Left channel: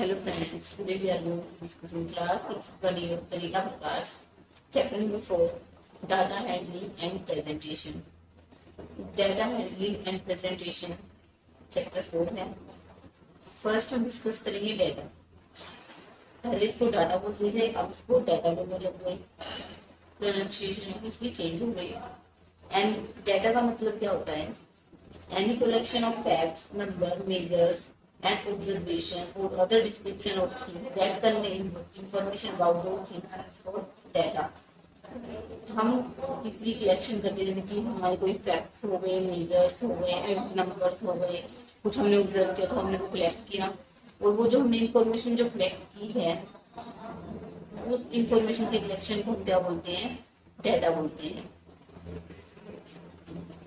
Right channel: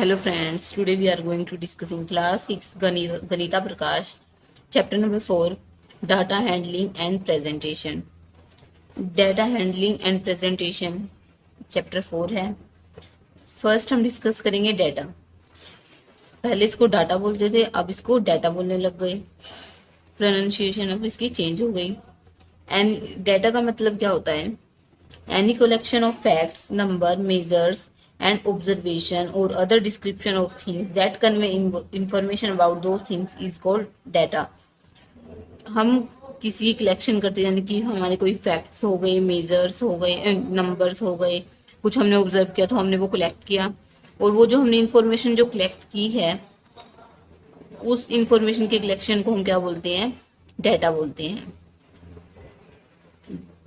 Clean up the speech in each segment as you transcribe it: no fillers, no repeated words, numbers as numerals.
Hello friends, today we are going to discuss in class 6 Ganita Prakash, chapter number 4, data handling and presentation. Data handling and presentation chapter 4 है. First हम discuss करेंगे data. पहले इसको data बोलते थे, अब इसको डाटा बोलने लग गए. प्रोनाउंसिएशन अब इसकी चेंज हो गई. एंड डाटा का मतलब क्या होता है? Any collection of facts, number, measures, and observation or other description of things that convey information about those things is called data. हम किसी कलेक्शन करते हैं, यानी कि हमारे कोई फैक्ट्स हो गए, मेजर्स हो गए, नंबर्स हो गए, कुछ हमने ऑब्जर्व किया तो हमने वो कलेक्ट किया, और वो जो हमने इंफॉर्मेशन जो कलेक्ट की है उस इंफॉर्मेशन के कलेक्शन को हम क्या बोलते हैं? डाटा बोलते हैं.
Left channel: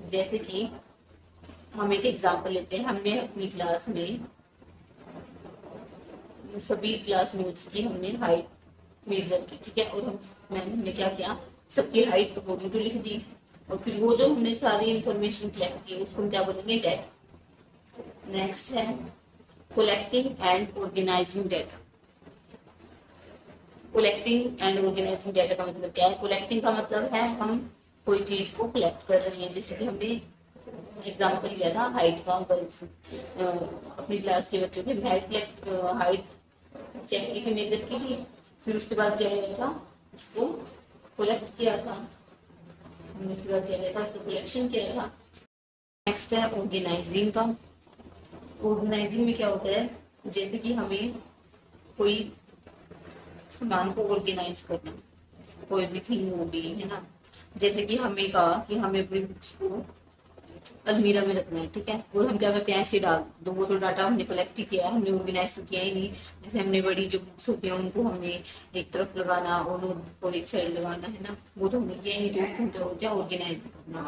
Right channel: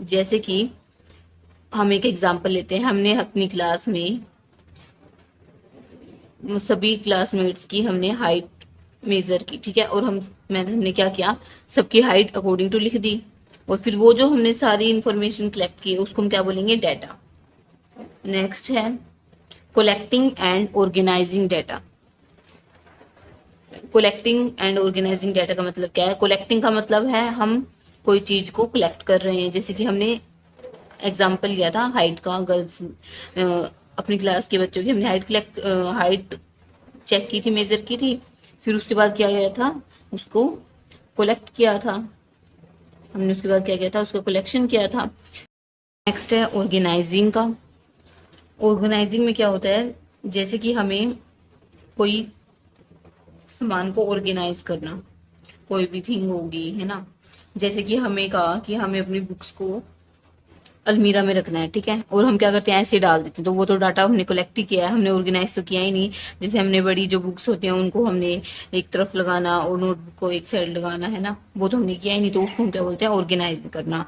जैसे कि हम एक एग्जांपल लेते हैं. हमने अपनी क्लास में सभी क्लासमेट्स की हमने हाइट मेजर की, ठीक है, और हमने क्या किया, सबकी हाइट अकॉर्डिंग टू लिख दी, और फिर वो जो हमने सारी इंफॉर्मेशन कलेक्ट की उसको हम क्या बोलेंगे? डाटा. नेक्स्ट है collecting and organising data. Collecting and organising data का मतलब क्या है? कलेक्टिंग का मतलब है हम कोई चीज को कलेक्ट कर रहे हैं. जैसे कि हमने एग्जाम्पल लिया था हाइट का, गर्ल्स अपनी क्लास के बच्चों की हमने हाइट चेक की थी, मेजर की थी, फिर उसके बाद क्या किया था, उसको कलेक्ट किया था. हमने उसके बाद क्या किया था, उसका कलेक्शन किया था. नेक्स्ट है ऑर्गेनाइजिंग का. ऑर्गेनाइजिंग में क्या होता है? जैसे कि हमें कोई सामान को ऑर्गेनाइज करना, कोई भी थिंग होगी, है ना. जैसे कि हमें कहा कि हमें अपनी बुक्स को अलमीरा में रखना है, ठीक है, और हम क्या करते हैं, ऐसे डाल देते हैं, तो वो तो डाटा हमने कलेक्ट ही किया है, हमने ऑर्गेनाइज तो किया ही नहीं. जैसे हमने बड़ी जो बुक्स होती हैं उनको हमने एक तरफ लगाना और नोट को एक साइड लगाना, है ना, वो तो हमने किया ही नहीं, तो उसको हम क्या बोलते हैं? ऑर्गेनाइज करना.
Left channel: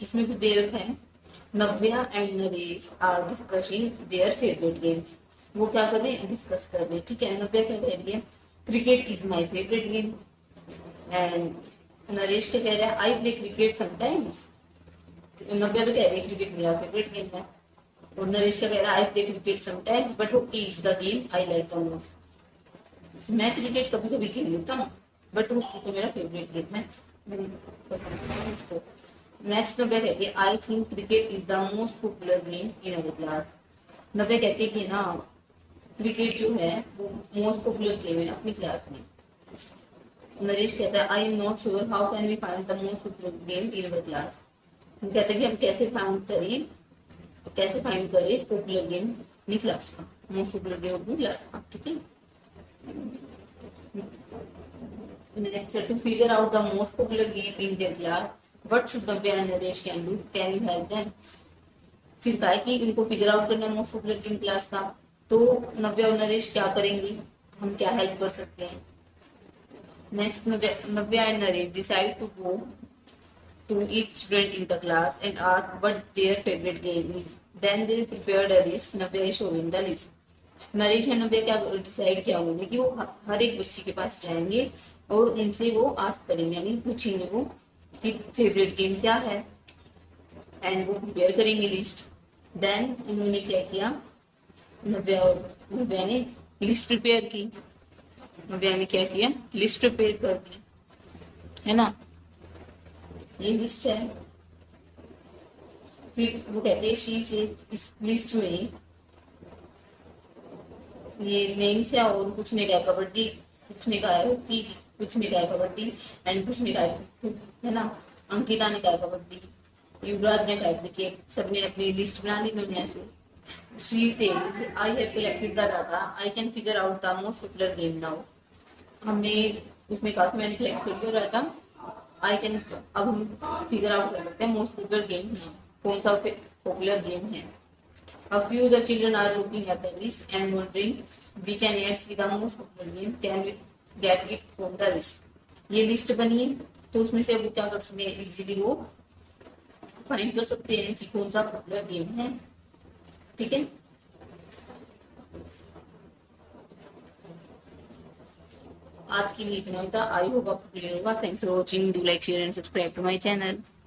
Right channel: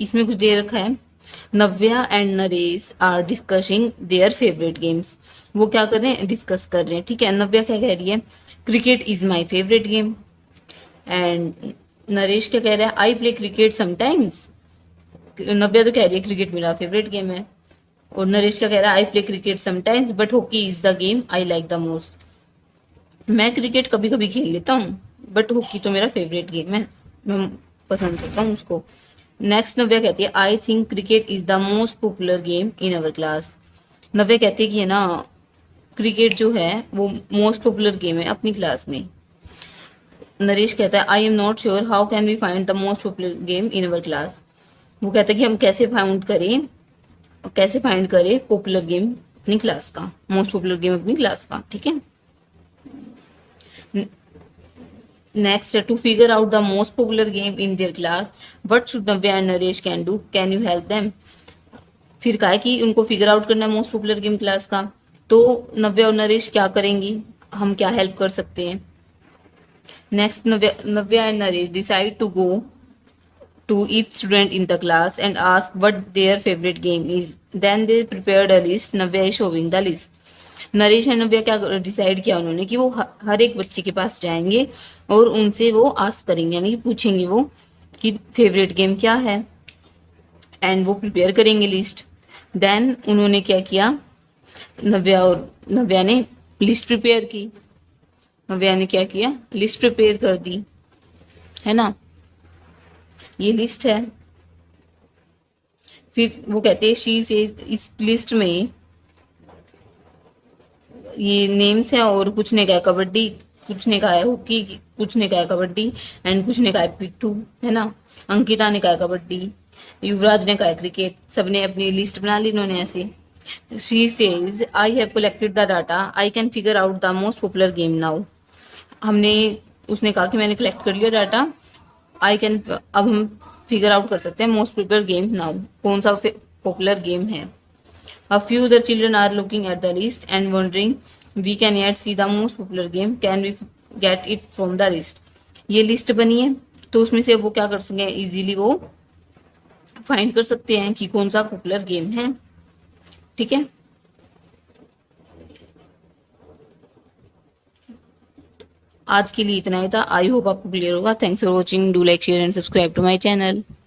इसमें कुछ दे रखा है, Navya and Naresh are discussing their favourite games. वो क्या कर रहे हैं? डिस्कस कर रहे हैं, ठीक है. नव्या क्या कह रही है? Cricket is my favourite game. And Naresh क्या कह रहा है? I play cricket sometimes. Navya तो कह रही है क्रिकेट मेरा फेवरेट गेम है, और नरेश क्या कह रहा है? I play cricket sometimes but hockey is the game I like the most. मैं क्रिकेट कभी कभी खेल लेता हूँ, बट हॉकी तो मेरा फेवरेट गेम है, मैं पसंद करता हूँ उसको. नेक्स्ट नव्या कहती है I think cricket is the most popular game in our class. Navya कहती है कि है ना, क्रिकेट जो है वो मोस्ट पॉपुलर गेम है अपनी क्लास में. नरेश कहता है I am not sure how can we find the most popular game in our class. वो कहता है कि हम कैसे फाइंड करें पॉपुलर गेम अपनी क्लास का, मोस्ट पॉपुलर गेम अपनी क्लास का, ठीक है. Next to figure out the most popular game in their class what should Navya and Naresh can do, can you help them. फिर कहा है कि उनको फिगर आउट करना है मोस्ट पॉपुलर गेम क्लास का, तो नव्या और नरेश क्या करेंगी, हम क्या हेल्प कर सकते हैं. Next Navya and Naresh decide to go to each student in the class and ask what their favorite game is. Then they prepared a list. Navya is showing the list. Naresh and Navya क्या डिसाइड किया उन्होंने कि वो हर एक बच्चे के पास जाएंगे और उनसे वो आस्क करेंगे, यानी कि पूछेंगे वो कि फेवरेट गेम क्या है, एंड वो प्रिपेयर करेंगे लिस्ट. देन उन्होंने क्या किया, नव्या ने लिस्ट प्रिपेयर की. नव्या ने क्या किया? लिस्ट प्रिपेयर कर दी, है ना. ये लिस्ट है. फिर वो कहते हैं शी से इस लिस्ट में ये नेम्स है, और कुछ ने कहा है कबड्डी, कुछ ने कहा है हॉकी, कुछ ने कहा है कबड्डी, एंड कुछ ने कहा है पिट्ठू, है ना. अंकिता ने कहा है कबड्डी, युवराज ने कहा है क्रिकेट. सबने अपनी लिस्ट बना ली इन्होंने ऐसे. She says I have collected the data I can figure out the most popular game now. उसने कहा कि मैंने कलेक्ट कर लिया डाटा, अब हम फिगर आउट कर सकते हैं मोस्ट पॉपुलर गेम नाउ, कौन सा पॉपुलर गेम है. A few other children are looking at the list and wondering we can yet see the most popular game, can we get it from the list. ये list बनी है, तो उसमें से वो क्या कर सकते हैं, इजीली वो फाइंड कर सकते हैं कि कौन सा पॉपुलर गेम है, ठीक है. आज के लिए इतना ही था. आई होप आपको क्लियर होगा. Thanks for watching. Do like share and subscribe to my channel.